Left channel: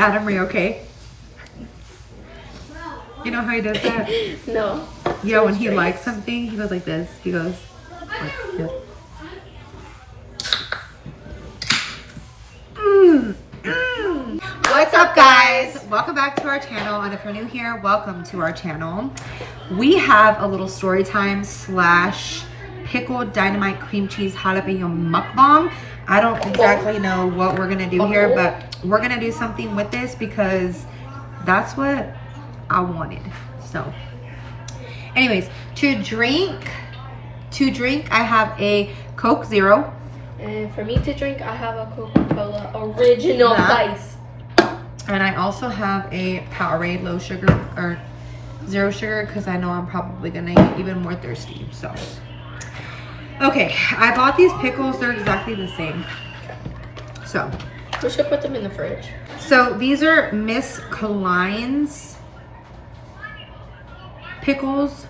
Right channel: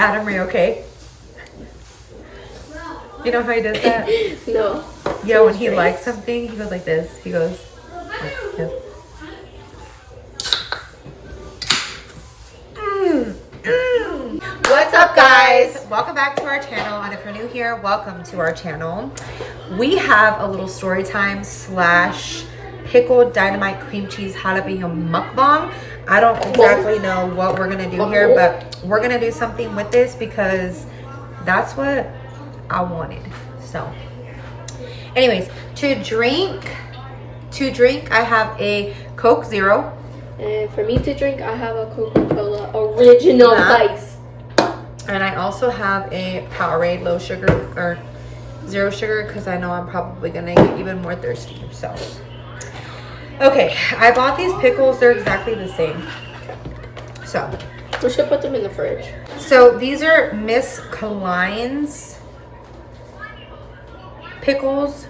Adam, are you okay? You know how he does that? No. Yeah, when he likes something, he goes like this. He goes like this. What's up, guys? Welcome back to our channel, and if you're new here, welcome to our channel. We have a little story time slash pickled dynamite cream cheese jalapeno mukbang. I don't exactly know what we're gonna do here, but we're gonna do something with this because that's what I wanted. So anyways, to drink I have a Coke Zero. And for me to drink, I have a Coca-Cola original ice. And I also have a Powerade low sugar or zero sugar because I know I'm probably gonna get even more thirsty. So okay, I bought these pickles. They're exactly the same. So We should put them in the fridge. So these are Miss Collines pickles,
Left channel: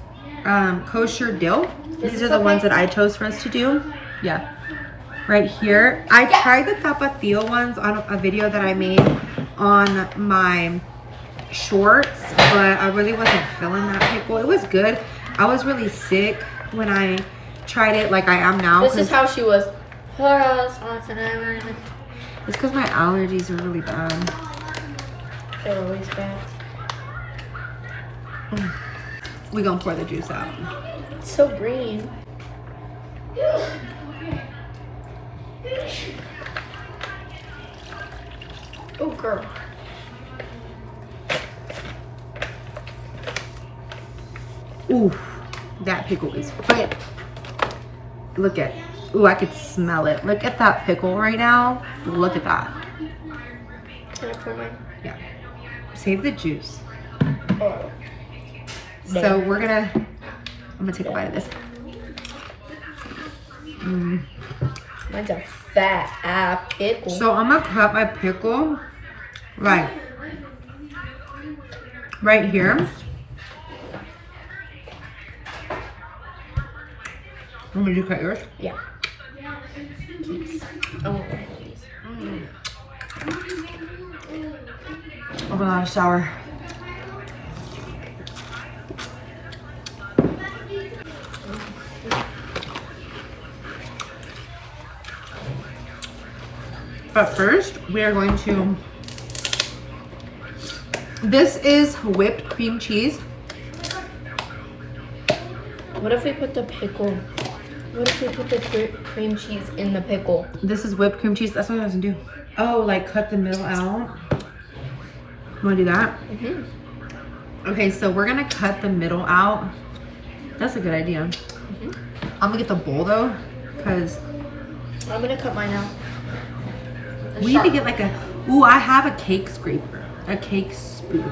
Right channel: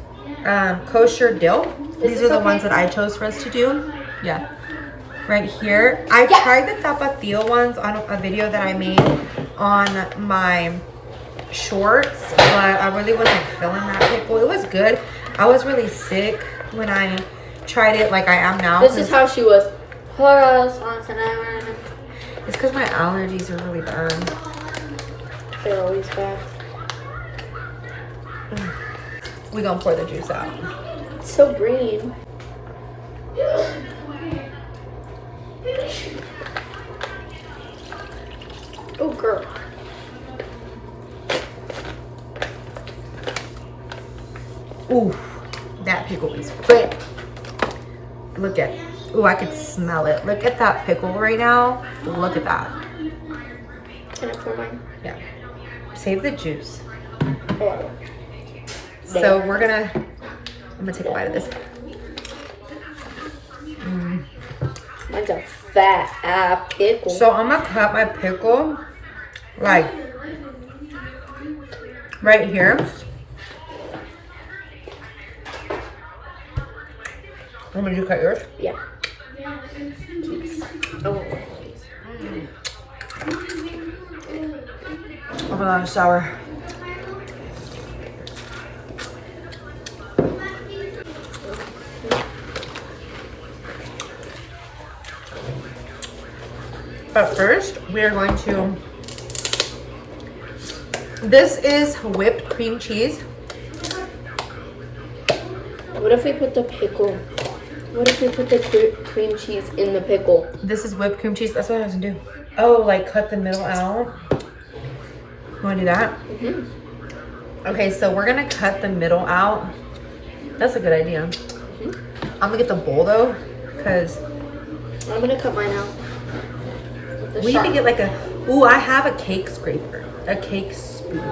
kosher dill. These are the ones that I chose for us to do. Yeah, right here. I tried the tapatio ones on a video that I made on my shorts, but I really wasn't feeling that pickle. It was good. I was really sick when I tried it, like I am now. This is how she was. It's because my allergies are really bad. They're always bad. We gonna pour the juice out. It's so green. Oh, girl. Ooh, that pickle is fit. Look at, ooh, I could smell it. Look at that pickle right now. Look at that. Can I pour mine? Yeah. Save the juice. Oh. So I'm gonna take a bite of this. Mine's a fat pickle. So I'm gonna cut my pickle like right here. Want me to cut yours? Yeah. Oh. Oh my gosh, sour. But first, we are going to, this is whipped cream cheese. What if we put the pickle? What if we put the cream cheese in the pickle? This is whipped cream cheese. That's what I was gonna do. Oh, like cut the middle out. You wanna do that? Mm-hmm. Okay, so we're gonna cut the middle out. That's a good idea. Mm-hmm. I'm gonna get the bowl though, because I'm gonna cut mine out. We need to get like a, ooh, I have a cake scraper, a cake spoon.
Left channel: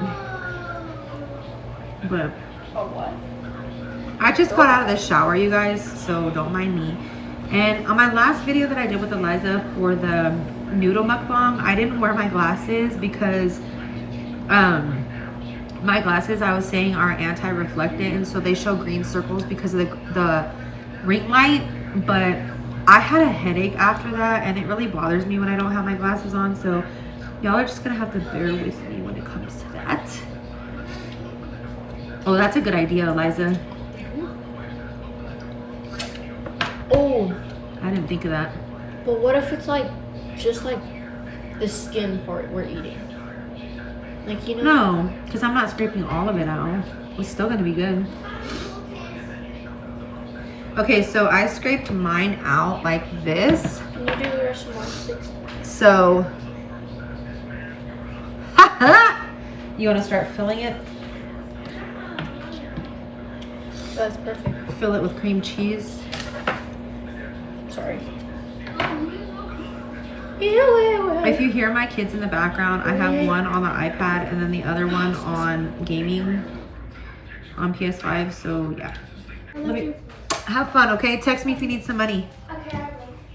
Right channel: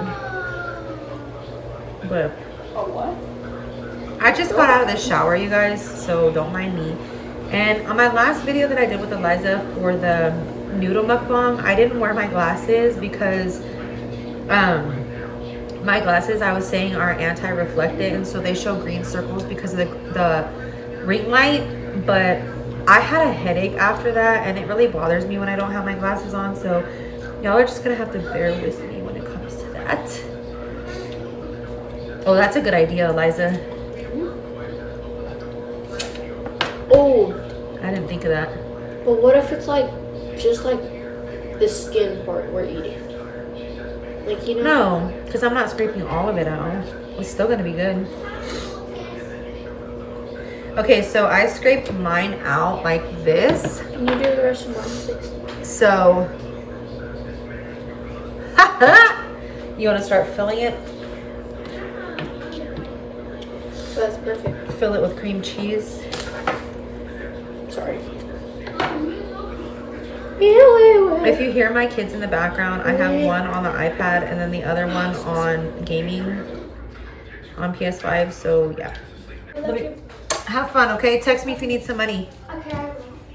But I just got out of the shower, you guys, so don't mind me. And on my last video that I did with Eliza for the noodle mukbang, I didn't wear my glasses because my glasses, I was saying, are anti-reflectant, and so they show green circles because of the ring light. But I had a headache after that, and it really bothers me when I don't have my glasses on, so y'all are just gonna have to bear with me when it comes to that. Oh, that's a good idea, Eliza. Oh, I didn't think of that. but what if it's like just like the skin part we're eating? Like, you know? No, because I'm not scraping all of it out. It's still gonna be good. Okay, so I scraped mine out like this. Can you do the rest of mine, please? So, you want to start filling it? That's perfect. Fill it with cream cheese. Sorry. If you hear my kids in the background, I have one on the iPad and then the other one on gaming on PS5. So yeah. I love you. Have fun, okay? Text me if you need some money. Okay.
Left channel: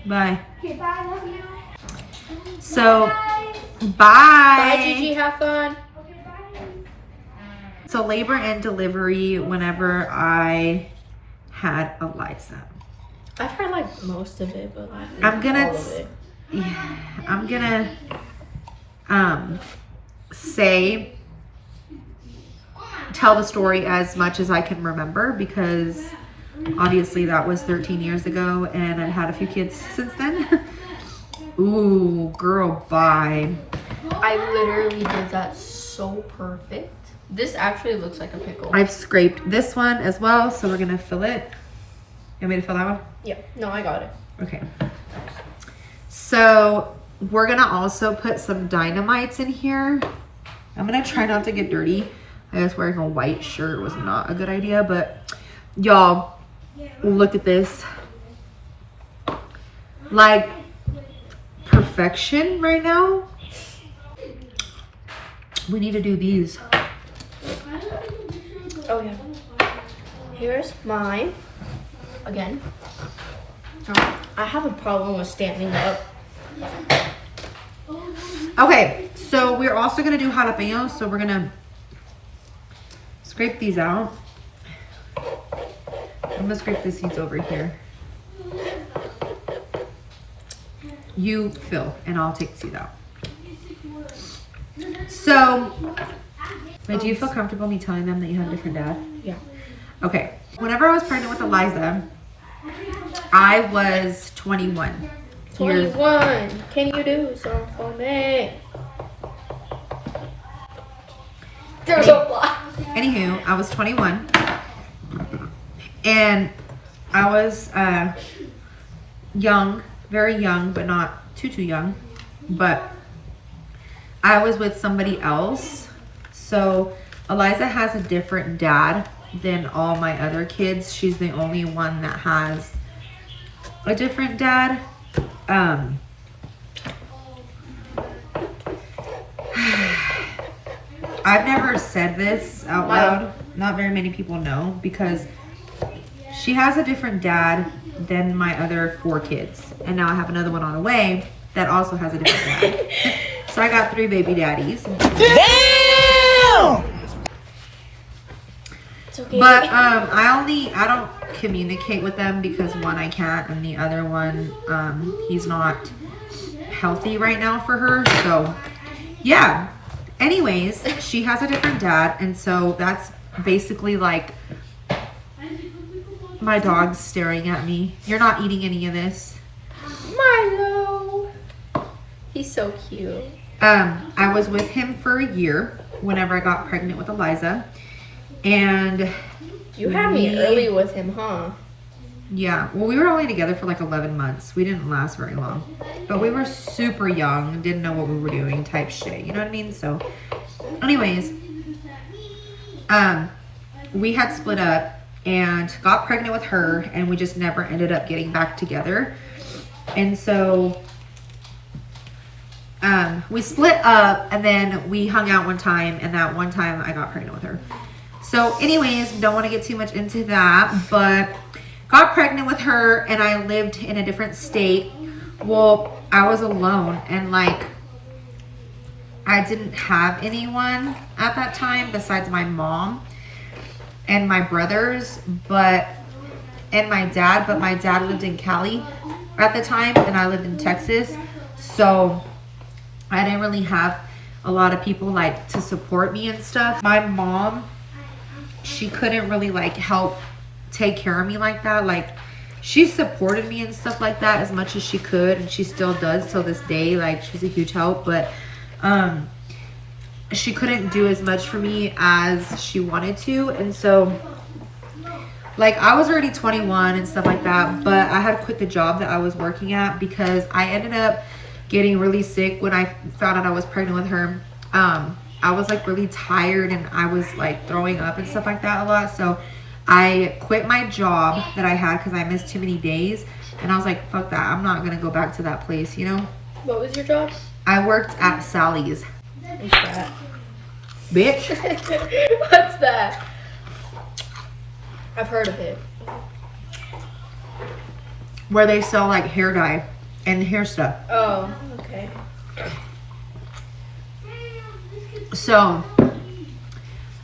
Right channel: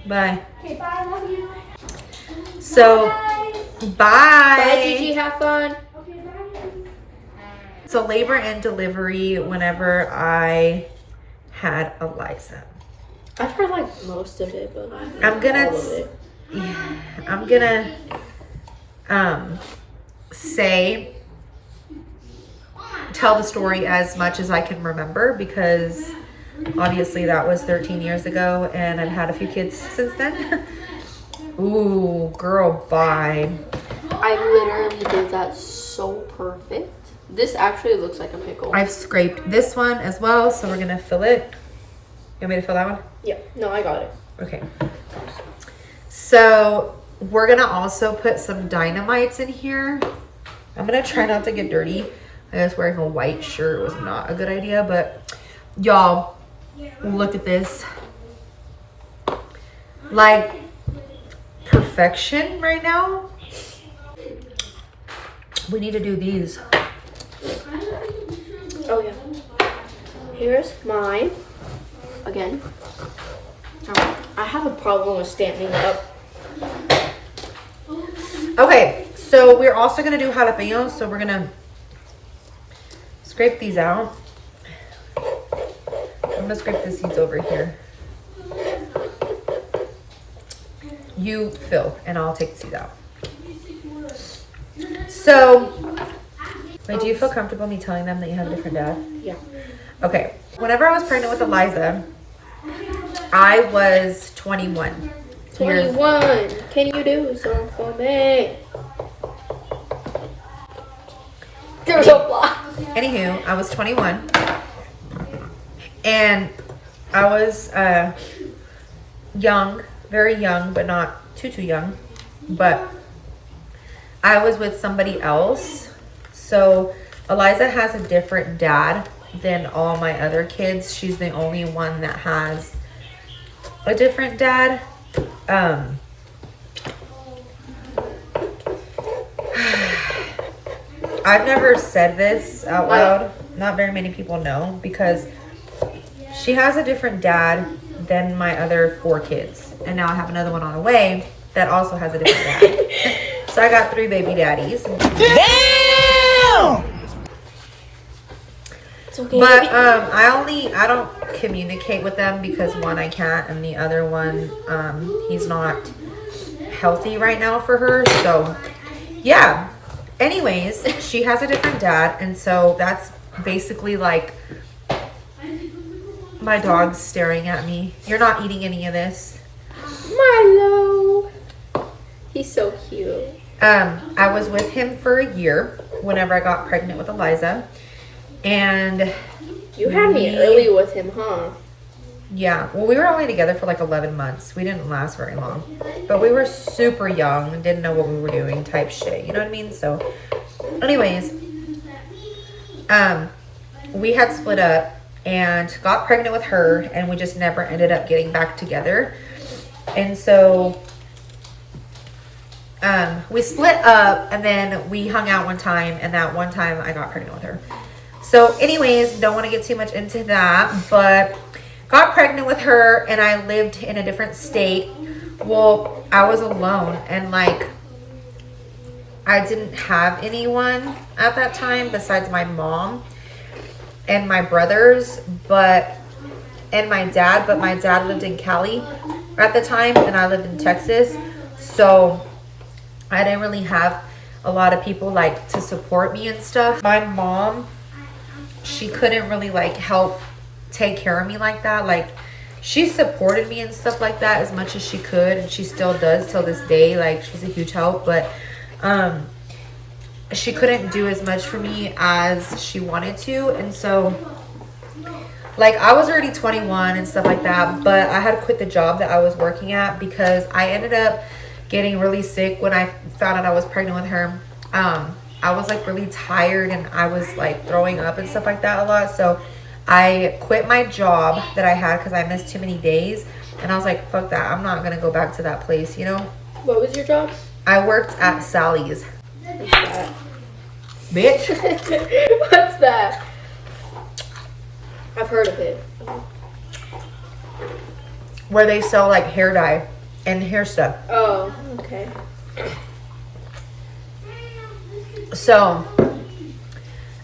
Bye. Okay, bye. Love you. So, bye. Bye, Gigi. Have fun. Okay, bye. So labor and delivery whenever I had Eliza. I've heard like most of it, but like I'm gonna all of it. yeah, I'm gonna tell the story as much as I can remember, because obviously that was 13 years ago and I've had a few kids since then. Ooh, girl, bye. I literally did that so perfect. This actually looks like a pickle. I've scraped this one as well, so we're gonna fill it. You want me to fill that one? Yeah, no, I got it. Okay. So we're gonna also put some dynamites in here. I'm gonna try not to get dirty. I guess wearing a white shirt was not a good idea, but y'all, look at this. Like perfection right now. We need to do these. Oh yeah. Here's mine. Again. I have a problem with standing up. Okay, so we're also gonna do jalapenos, so we're gonna scrape these out. I'm gonna scrape the seeds over here. You fill, and I'll take the seeds out. So, wait, do you feel comfortable me telling them that you have a different dad? Yeah. Okay. Whenever I was pregnant with Eliza, I was 21. 21. Can you do something for me? There's a lot. Anywho, I was 21. And I was young, very young, but not too young. But I was with somebody else. So Eliza has a different dad than all my other kids. She's the only one that has a different dad. I've never said this out loud. Not very many people know, because she has a different dad than my other 4 kids. And now I have another one on the way that also has a different dad. So I got 3 baby daddies. Damn! It's okay. But I don't communicate with them because one, I can't, and the other one, he's not healthy right now for her. So yeah. Anyways, she has a different dad, and so that's basically like my dog's staring at me. You're not eating any of this. Milo. He's so cute. I was with him for a year whenever I got pregnant with Eliza. And you had me early with him, huh? Yeah. Well, we were only together for like 11 months. We didn't last very long. But we were super young and didn't know what we were doing type shit. You know what I mean? So anyways, we had split up and got pregnant with her, and we just never ended up getting back together. And so we split up, and then we hung out one time, and that one time I got pregnant with her. So anyways, don't want to get too much into that, but got pregnant with her, and I lived in a different state. Well, I was alone, and like I didn't have anyone at that time besides my mom and my brothers, and my dad, but my dad lived in Cali at the time, and I lived in Texas. So I didn't really have a lot of people like to support me and stuff. My mom, she couldn't really like help take care of me like that. Like, she supported me and stuff like that as much as she could, and she still does till this day. Like, she's a huge help, but she couldn't do as much for me as she wanted to. And so like I was already 21 and stuff like that, but I had quit the job that I was working at because I ended up getting really sick when I found out I was pregnant with her. I was like really tired, and I was like throwing up and stuff like that a lot. So I quit my job that I had because I missed too many days, and I was like, fuck that, I'm not gonna go back to that place, you know. What was your job? I worked at Sally's. What's that? Bitch. What's that? I've heard of it. Where they sell like hair dye and hair stuff. Oh, okay. So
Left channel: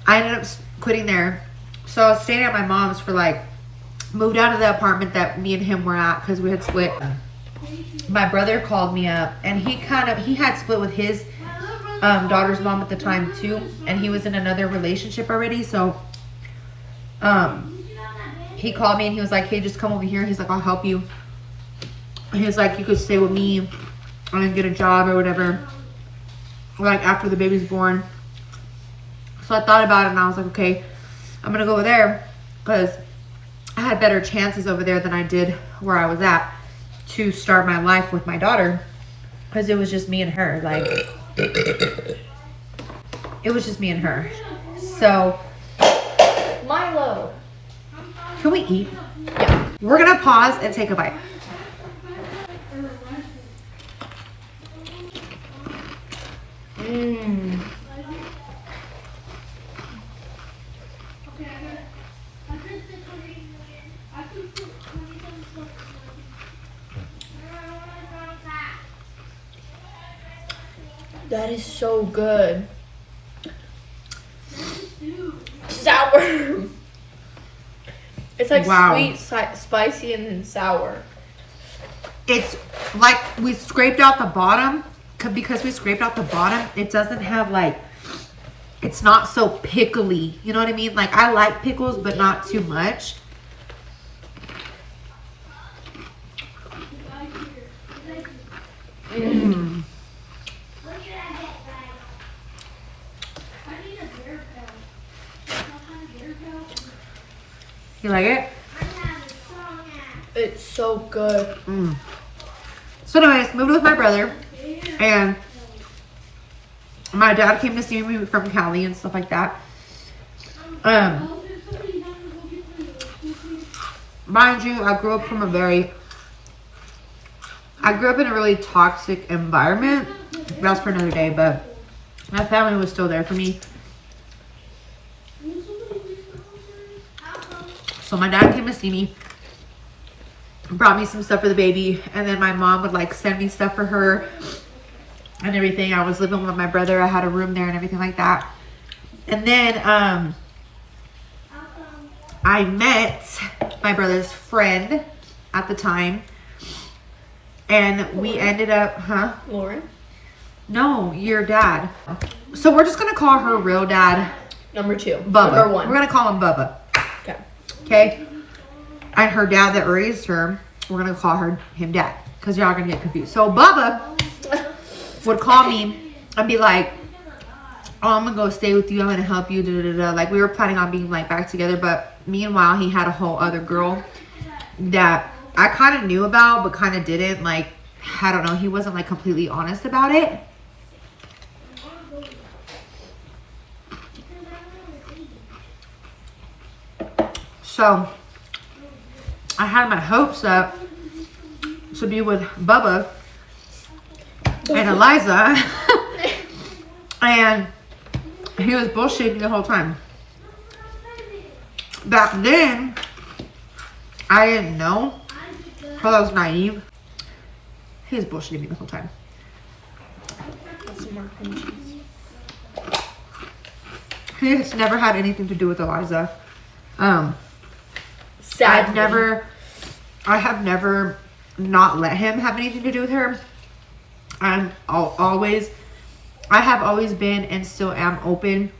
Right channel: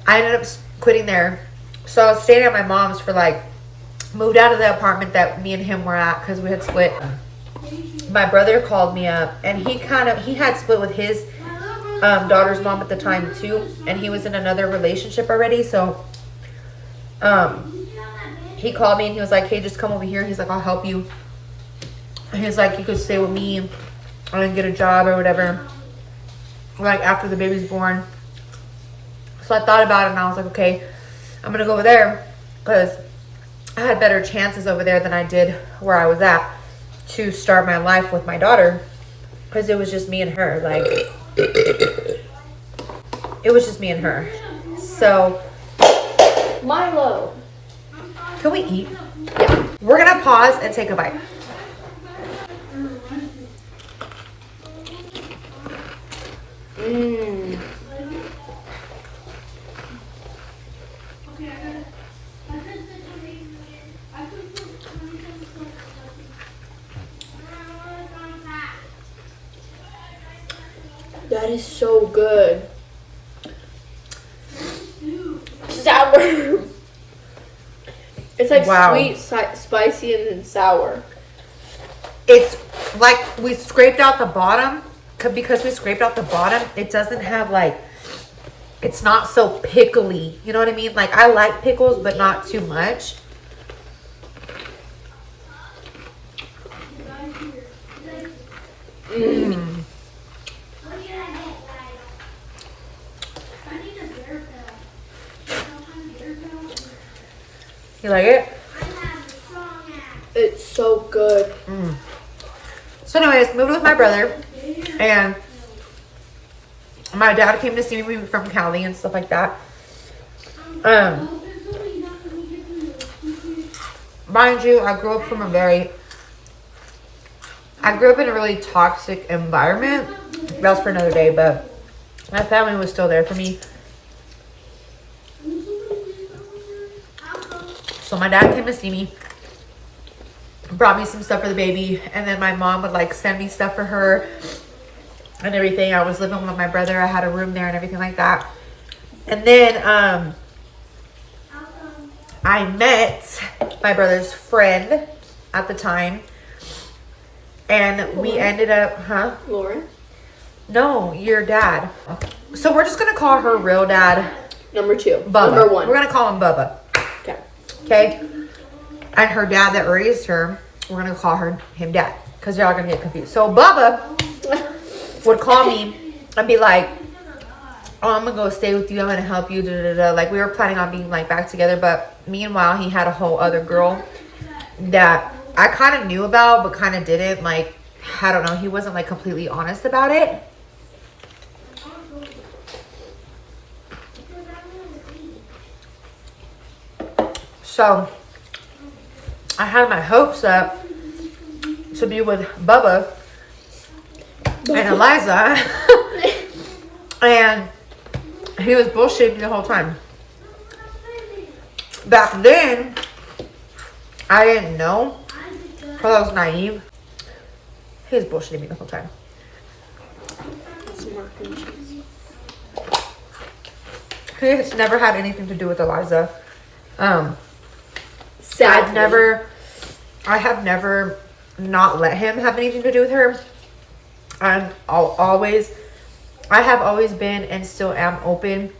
I ended up quitting there. So I was staying at my mom's for like, moved out of the apartment that me and him were at because we had split. My brother called me up, and he had split with his daughter's mom at the time too, and he was in another relationship already. So he called me and he was like, hey, just come over here. He's like, I'll help you. He's like, you could stay with me and get a job or whatever, like after the baby's born. So I thought about it and I was like, okay, I'm gonna go over there because I had better chances over there than I did where I was at to start my life with my daughter, because it was just me and her. Like, it was just me and her. So Milo. can we eat? We're gonna pause and take a bite. That is so good. Sour. It's like Wow. sweet, spicy, and then sour. It's like we scraped out the bottom, because we scraped out the bottom, it doesn't have like, it's not so pickly. You know what I mean? Like, I like pickles, but not too much. Mm. You like it? It's so good. Mm. So anyways, moved with my brother, and my dad came to see me from Cali and stuff like that. Mind you, I grew up in a really toxic environment. That was for another day, but my family was still there for me. So my dad came to see me, brought me some stuff for the baby, and then my mom would like send me stuff for her and everything. I was living with my brother. I had a room there and everything like that. And then I met my brother's friend at the time, and we ended up, Lauren? No, your dad. So we're just gonna call her real dad Number 2. Bubba. Number 1. We're gonna call him Bubba. Okay. Okay? And her dad that raised her, we're gonna call him dad, because y'all are gonna get confused. So Bubba would call me and be like, oh, I'm gonna go stay with you, I'm gonna help you, da, da, da. Like, we were planning on being like back together, but meanwhile he had a whole other girl that I kind of knew about but kind of didn't. Like, I don't know, he wasn't like completely honest about it. So I had my hopes up to be with Bubba and Eliza, and he was bullshitting me the whole time. Back then, I didn't know, because I was naive. He was bullshitting me the whole time. Some more cream cheese. He has never had anything to do with Eliza. Sadly. I have never not let him have anything to do with her. I have always been and still am open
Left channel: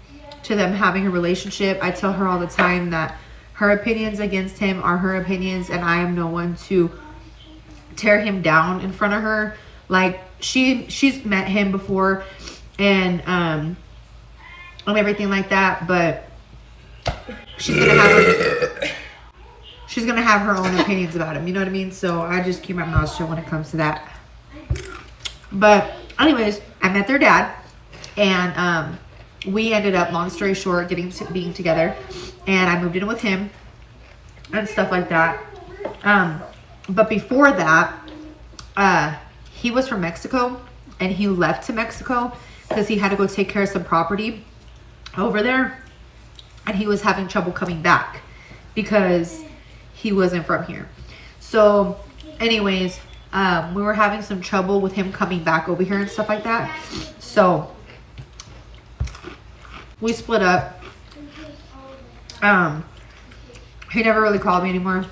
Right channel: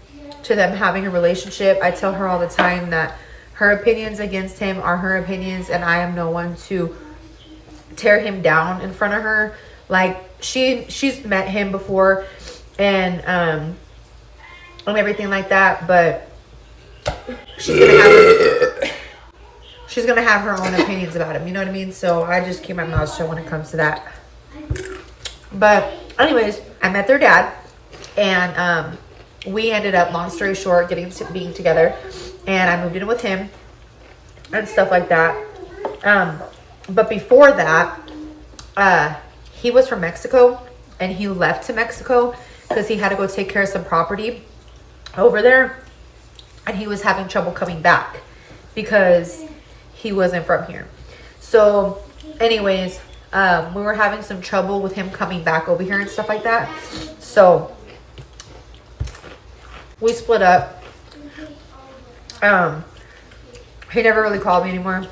to them having a relationship. I tell her all the time that her opinions against him are her opinions, and I am no one to tear him down in front of her. Like, she's met him before and everything like that, but she's gonna have her own opinions about him, you know what I mean? So I just keep my mouth shut when it comes to that. But anyways, I met their dad, and we ended up, long story short, being together, and I moved in with him and stuff like that. But before that, he was from Mexico, and he left to Mexico because he had to go take care of some property over there, and he was having trouble coming back because he wasn't from here. So anyways, we were having some trouble with him coming back over here and stuff like that. So we split up. He never really called me anymore,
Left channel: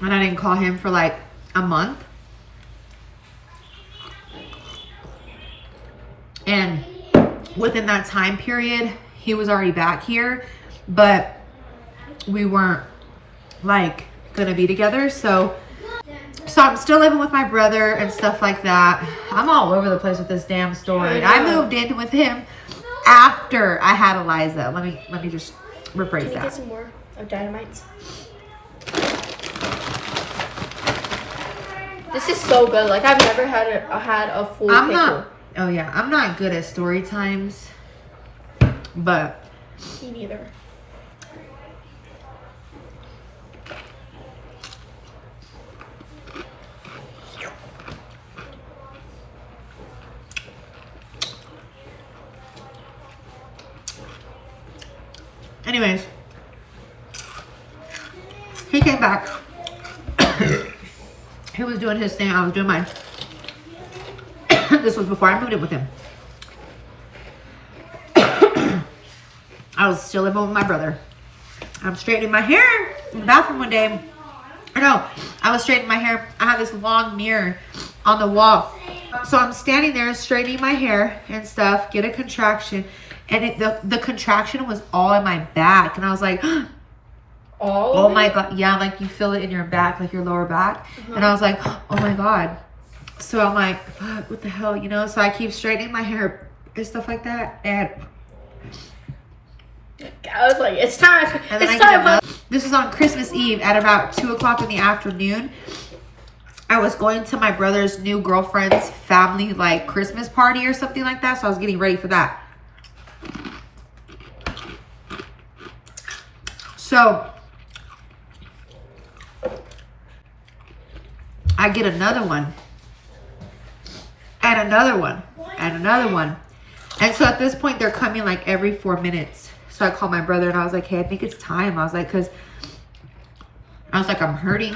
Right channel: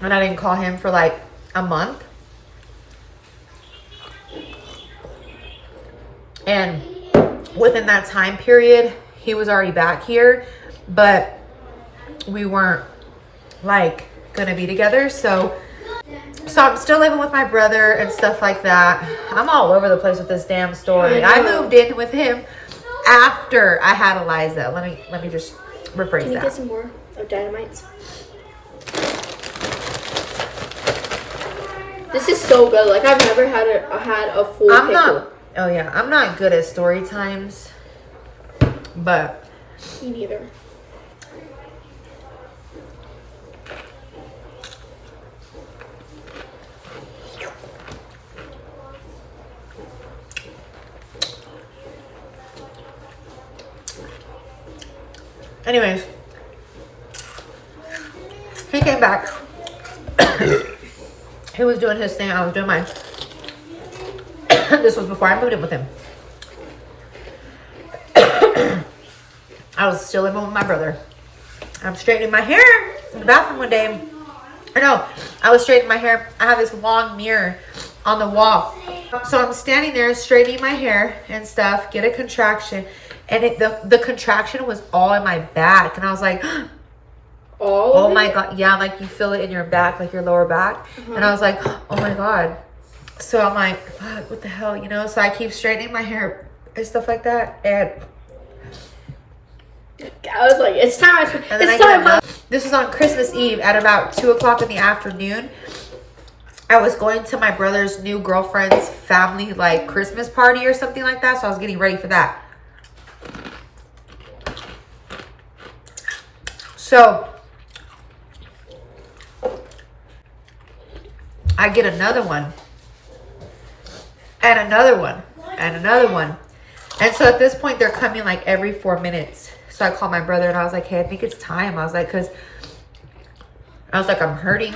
and I didn't call him for like a month. And within that time period, he was already back here, but we weren't like gonna be together. So I'm still living with my brother and stuff like that. I'm all over the place with this damn story. I moved in with him after I had Eliza. Let me just rephrase Can you that. get some more of Dynamites? This is so good. Like, I've never had a full pickle. Oh yeah, I'm not good at story times, but Me neither. anyways, he came back. He was doing his thing, I was doing mine. This was before I moved in with him. I was still living with my brother. I'm straightening my hair in the bathroom one day. I was straightening my hair. I have this long mirror on the wall. So I'm standing there straightening my hair and stuff, get a contraction. And the contraction was all in my back. And I was like, oh my God. Yeah, like you feel it in your back, like your lower back. And I was like, oh my God. So I'm like, fuck, what the hell, you know? So I keep straightening my hair and stuff like that. And I was like, it's time. And then I get another. This was on Christmas Eve at about 2 o'clock in the afternoon. I was going to my brother's new girlfriend's family, like Christmas party or something like that. So I was getting ready for that. So I get another one. And another one. And another one. And so at this point, they're coming like every 4 minutes. So I called my brother and I was like, hey, I think it's time. I was like, I'm hurting.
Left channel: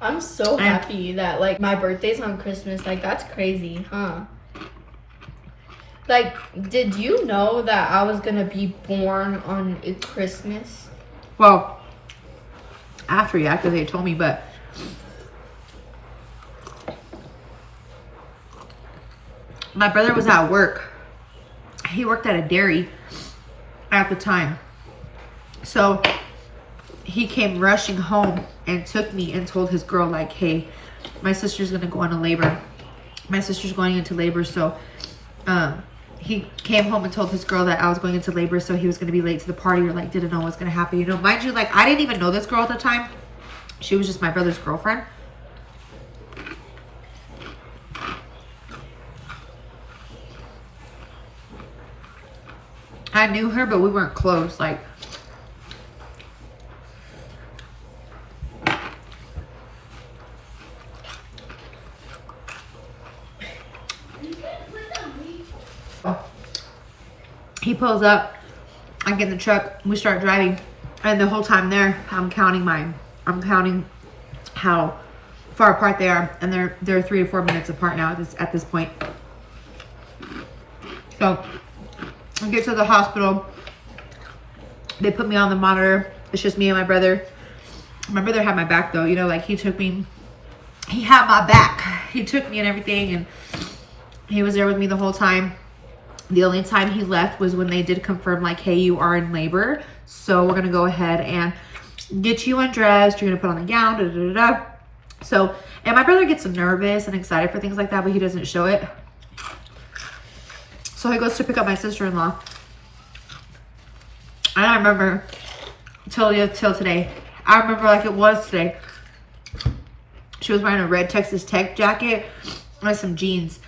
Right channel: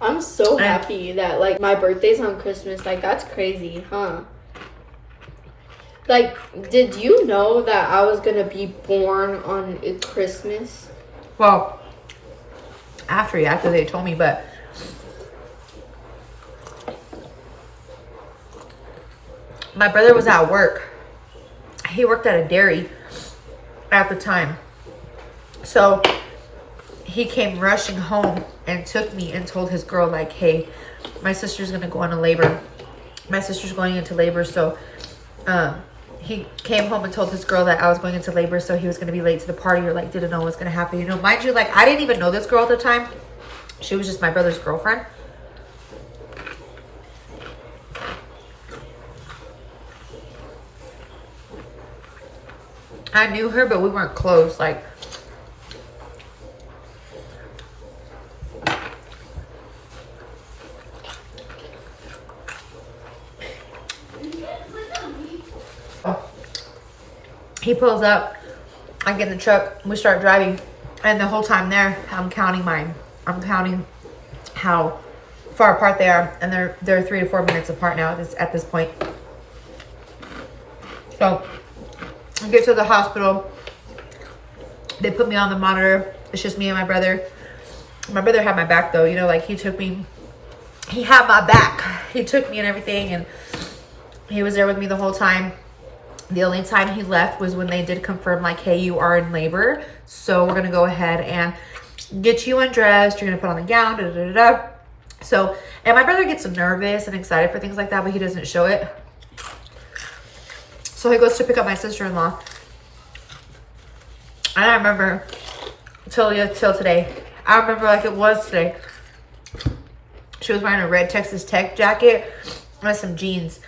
I'm so happy that like my birthday's on Christmas. Like, that's crazy, huh? Like, did you know that I was gonna be born on Christmas? Well, after, yeah, because they told me, but my brother was at work. He worked at a dairy at the time. So he came rushing home and took me and told his girl, like, hey, my sister's going to go into labor. My sister's going into labor. So he came home and told his girl that I was going into labor. So he was going to be late to the party, or like didn't know what's going to happen. You know, mind you, like I didn't even know this girl at the time. She was just my brother's girlfriend. I knew her, but we weren't close. Like, he pulls up, I get in the truck, we start driving, and the whole time there, I'm counting how far apart they are, and they're 3 to 4 minutes apart now at this point. So I get to the hospital. They put me on the monitor. It's just me and my brother. My brother had my back though, you know, like he had my back. He took me and everything, and he was there with me the whole time. The only time he left was when they did confirm, like, hey, you are in labor, so we're gonna go ahead and get you undressed. You're gonna put on the gown, da da da da. So, and my brother gets nervous and excited for things like that, but he doesn't show it. So he goes to pick up my sister-in-law. And I remember till today. I remember like it was today. She was wearing a red Texas Tech jacket and some jeans.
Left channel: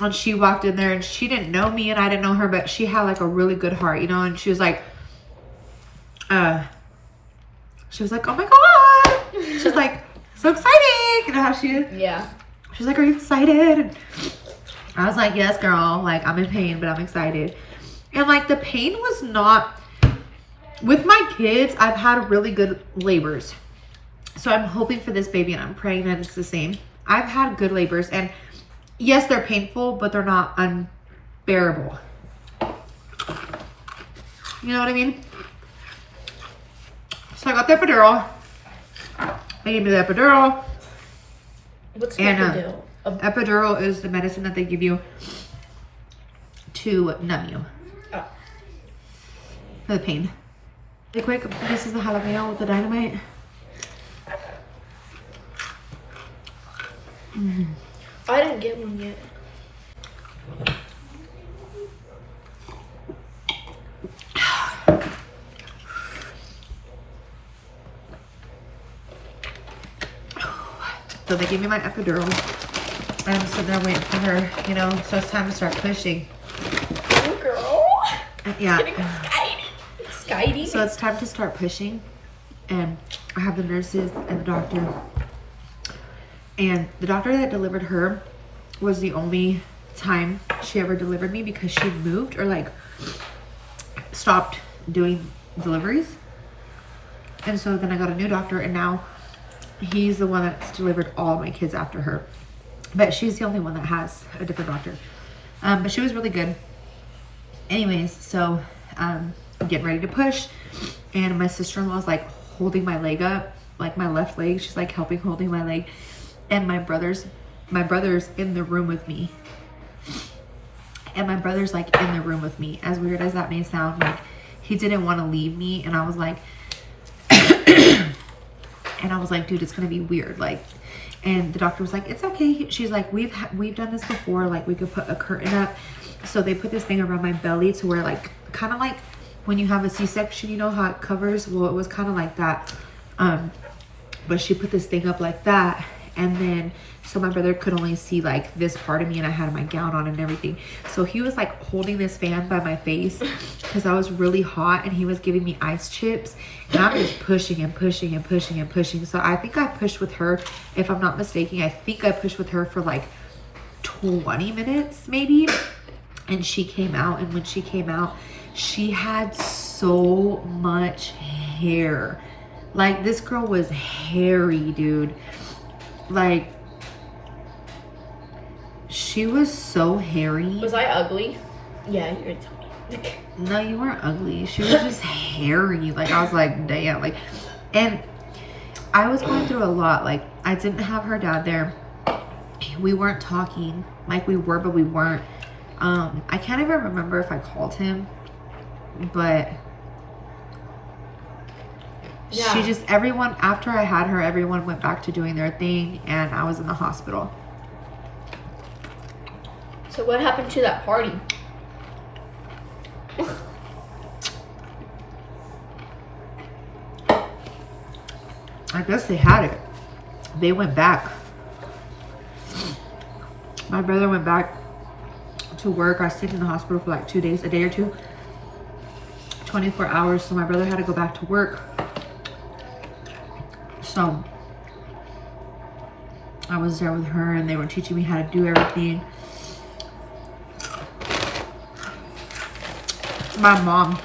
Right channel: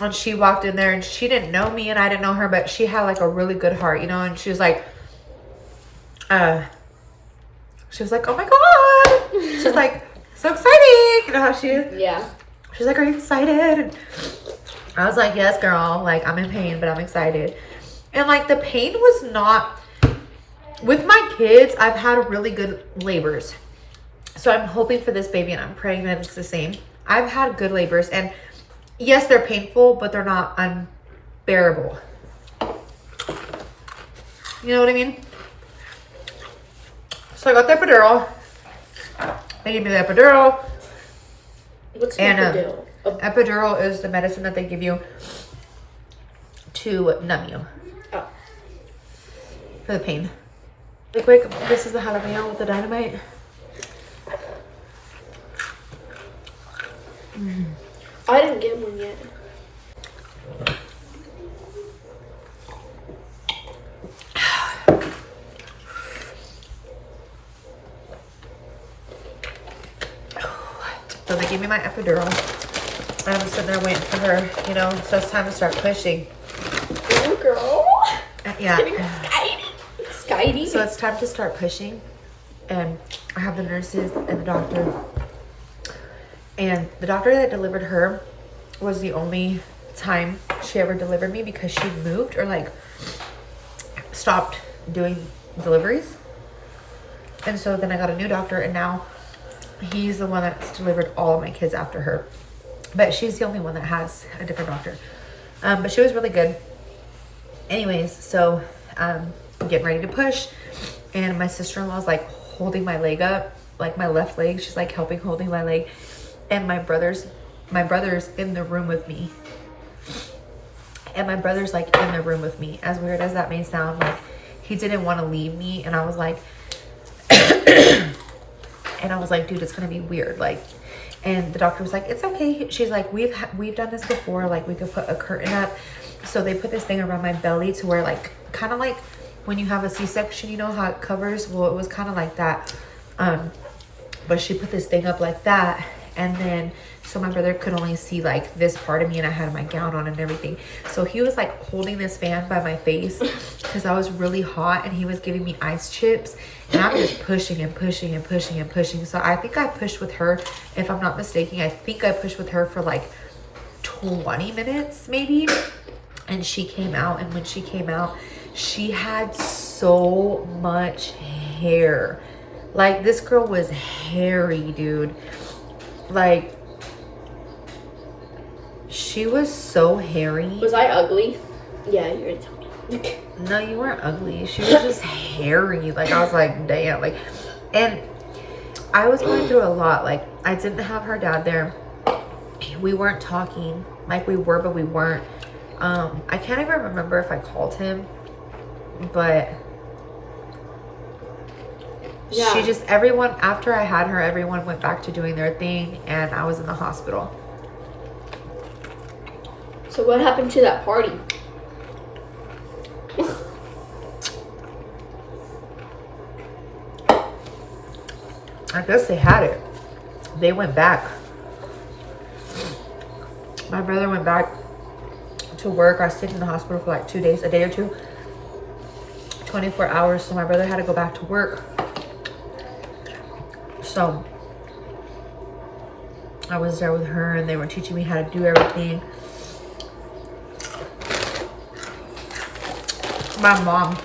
And she walked in there and she didn't know me and I didn't know her, but she had like a really good heart, you know, and she was like, oh my God. She's like, so exciting. You know how she is? Yeah. She's like, are you excited? And I was like, yes, girl. Like, I'm in pain, but I'm excited. And like, the pain was not, with my kids, I've had really good labors. So I'm hoping for this baby and I'm praying that it's the same. I've had good labors, and yes, they're painful, but they're not unbearable. You know what I mean? So I got the epidural. They gave me the epidural. What's and epidural? Epidural is the medicine that they give you to numb you Oh. for the pain. Really quick, this is the jalapeno with the dynamite. I didn't get one yet. So they gave me my epidural. I'm sitting there waiting for her, you know, so it's time to start pushing. Ooh, girl. Yeah. Skydie. So it's time to start pushing. And I have the nurses and the doctor. And the doctor that delivered her was the only time she ever delivered me because she moved or like stopped doing deliveries. And so then I got a new doctor, and now he's the one that's delivered all of my kids after her. But she's the only one that has a different doctor. But she was really good. Anyways, so I'm getting ready to push, and my sister-in-law's like holding my leg up, like my left leg. She's like holding my leg. And my brother's in the room with me. And my brother's like in the room with me. As weird as that may sound, like he didn't want to leave me. And I was like, dude, it's gonna be weird. Like, and the doctor was like, it's okay. She's like, we've done this before. Like, we could put a curtain up. So they put this thing around my belly to where, like, kind of like when you have a C-section, you know how it covers? Well, it was kind of like that. But she put this thing up like that. And then, so my brother could only see like this part of me, and I had my gown on and everything. So he was like holding this fan by my face because I was really hot, and he was giving me ice chips, and I'm just pushing and pushing and pushing and pushing. So I think I pushed with her, if I'm not mistaken, I think I pushed with her for like 20 minutes maybe. And she came out, and when she came out, she had so much hair. Like, this girl was hairy, dude. Like, she was so hairy. Was I ugly? Yeah, you're gonna tell me. No, you weren't ugly. She was just hairy. Like, I was like, damn. Like, and I was going through a lot. Like, I didn't have her dad there. We weren't talking. Like, we were, but we weren't. I can't even remember if I called him, but yeah. She just, everyone, after I had her, everyone went back to doing their thing, and I was in the hospital. So what happened to that party? I guess they had it. They went back. My brother went back to work. I stayed in the hospital for like 2 days, a day or two, 24 hours. So my brother had to go back to work. So I was there with her, and they were teaching me how to do everything. My mom,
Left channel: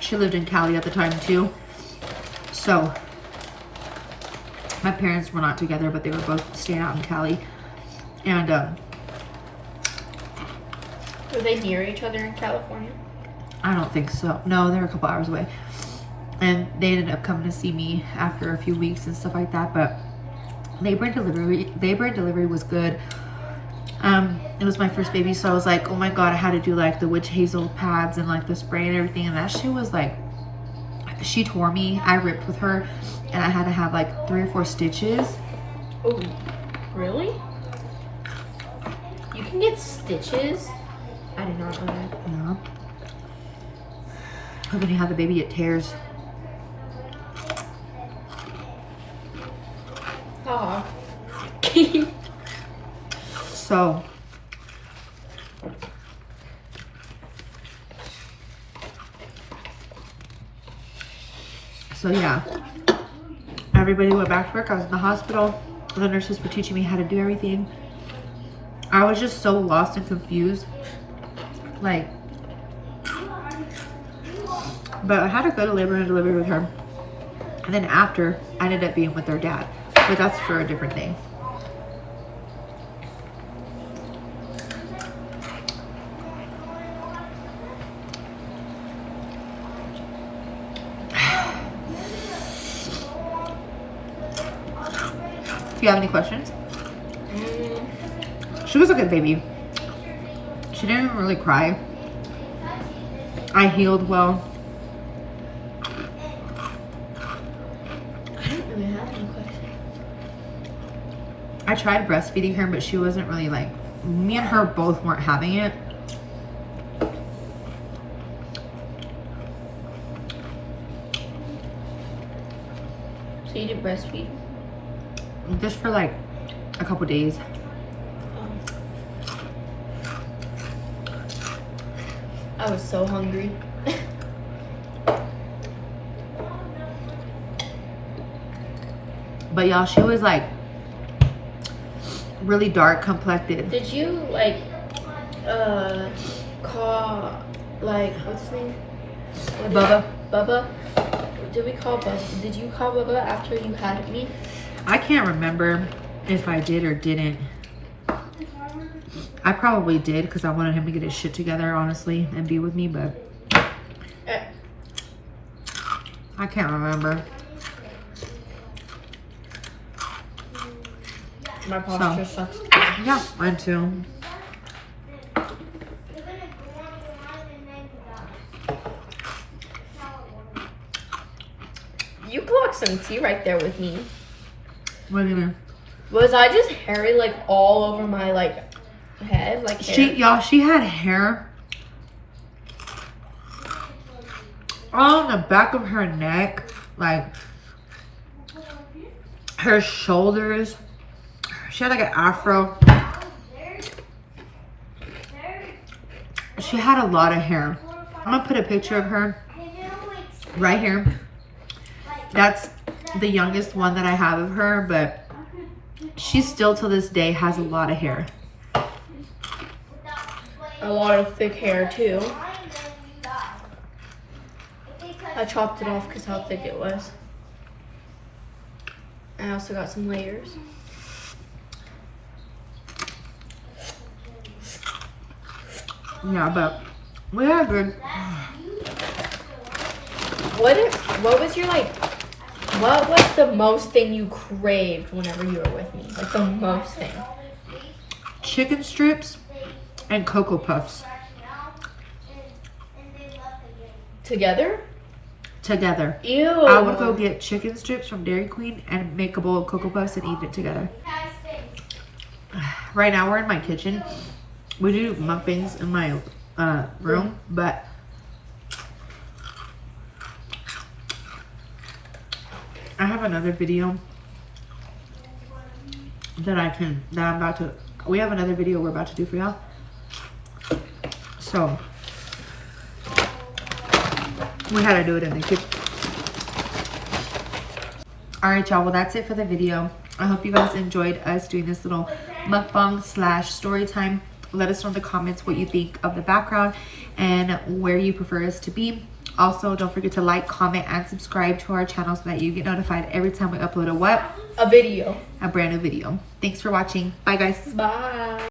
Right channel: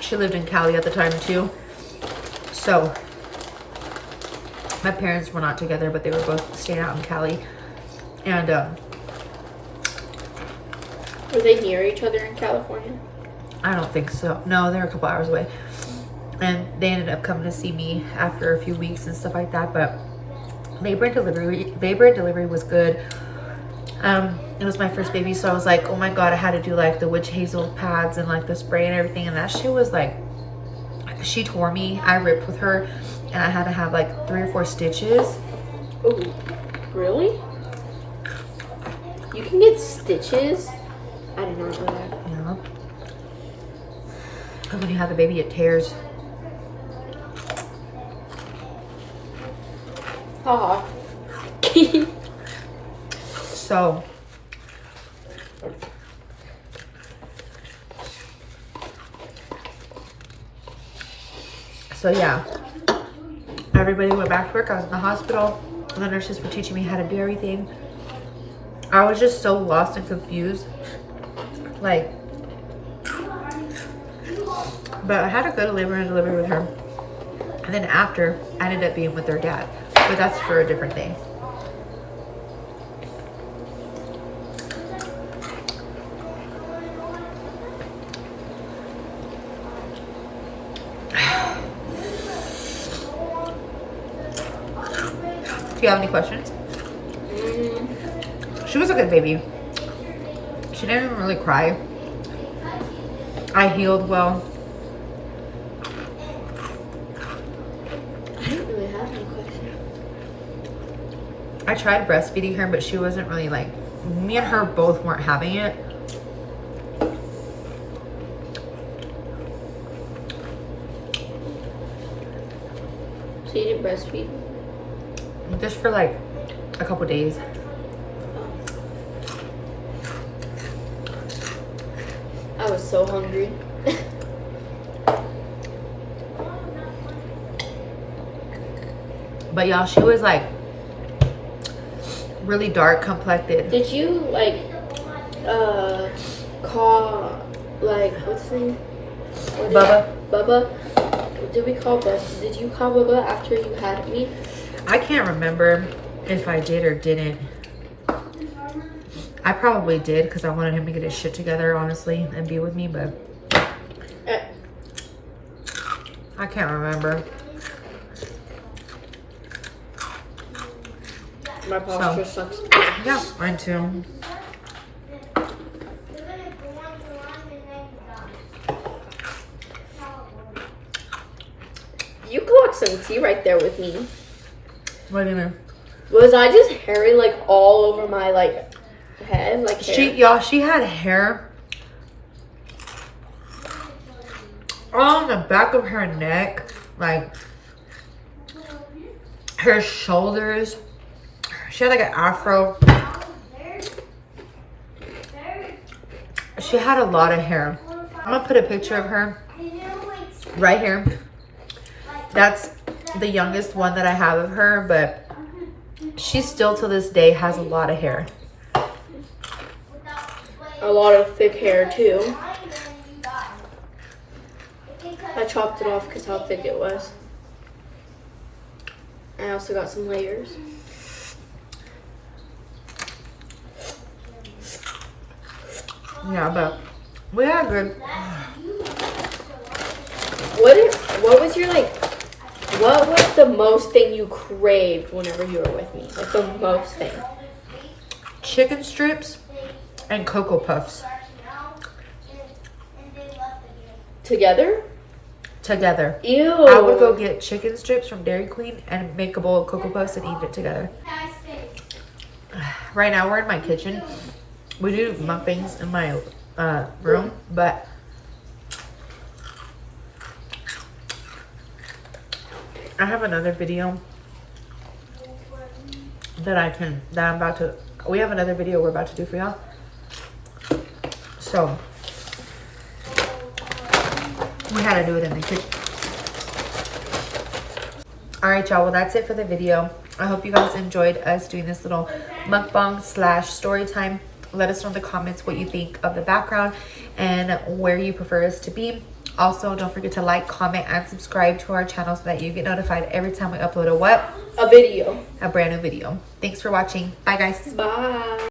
she lived in Cali at the time too. So my parents were not together, but they were both staying out in Cali. And were they near each other in California? I don't think so. No, they were a couple hours away. And they ended up coming to see me after a few weeks and stuff like that. But labor and delivery was good. It was my first baby, so I was like, oh my god, I had to do like the witch hazel pads and like the spray and everything, and that shit was like, she tore me. I ripped with her, and I had to have like 3 or 4 stitches. Oh, really? You can get stitches? I did not know that. Yeah. And when you have the baby, it tears. Aw. So yeah, everybody went back to work. I was in the hospital. The nurses were teaching me how to do everything. I was just so lost and confused. Like, but I had a good labor and delivery with her. And then after, I ended up being with their dad. But that's for a different thing. Do you have any questions? She was a good baby. She didn't even really cry. I healed well. I didn't really have any questions. I tried breastfeeding her, but she wasn't really like, me and her both weren't having it. So you did breastfeed? Just for like a couple days. I was so hungry. But y'all, she was like really dark complected. Did you like call like what's his name? Bubba. Bubba? Did we call Bubba? Did you call Bubba after you had me? I can't remember if I did or didn't. I probably did because I wanted him to get his shit together, honestly, and be with me, but I can't remember. My posture sucks. Yeah, mine too. You collect some tea right there with me. What do you mean? Was I just hairy like all over my like head? Like hair? She had hair on the back of her neck, like her shoulders. She had like an afro. She had a lot of hair. I'm gonna put a picture of her right here. That's the youngest one that I have of her, but she still to this day has a lot of hair. A lot of thick hair too. I chopped it off because how thick it was. I also got some layers. Yeah, but we had a good. What was your like? What was the most thing you craved whenever you were with me? Like the most thing. Chicken strips and Cocoa Puffs. Together? Together. Ew. I would go get chicken strips from Dairy Queen and make a bowl of Cocoa Puffs and eat it together. Right now we're in my kitchen. We do mukbangs in my room, but I have another video we have another video we're about to do for y'all. So we had to do it in the kitchen. All right, y'all, well, that's it for the video. I hope you guys enjoyed us doing this little mukbang slash story time. Let us know in the comments what you think of the background and where you prefer us to be. Also, don't forget to like, comment, and subscribe to our channel so that you get notified every time we upload a video. brand new video. Thanks for watching. Bye, guys. Bye.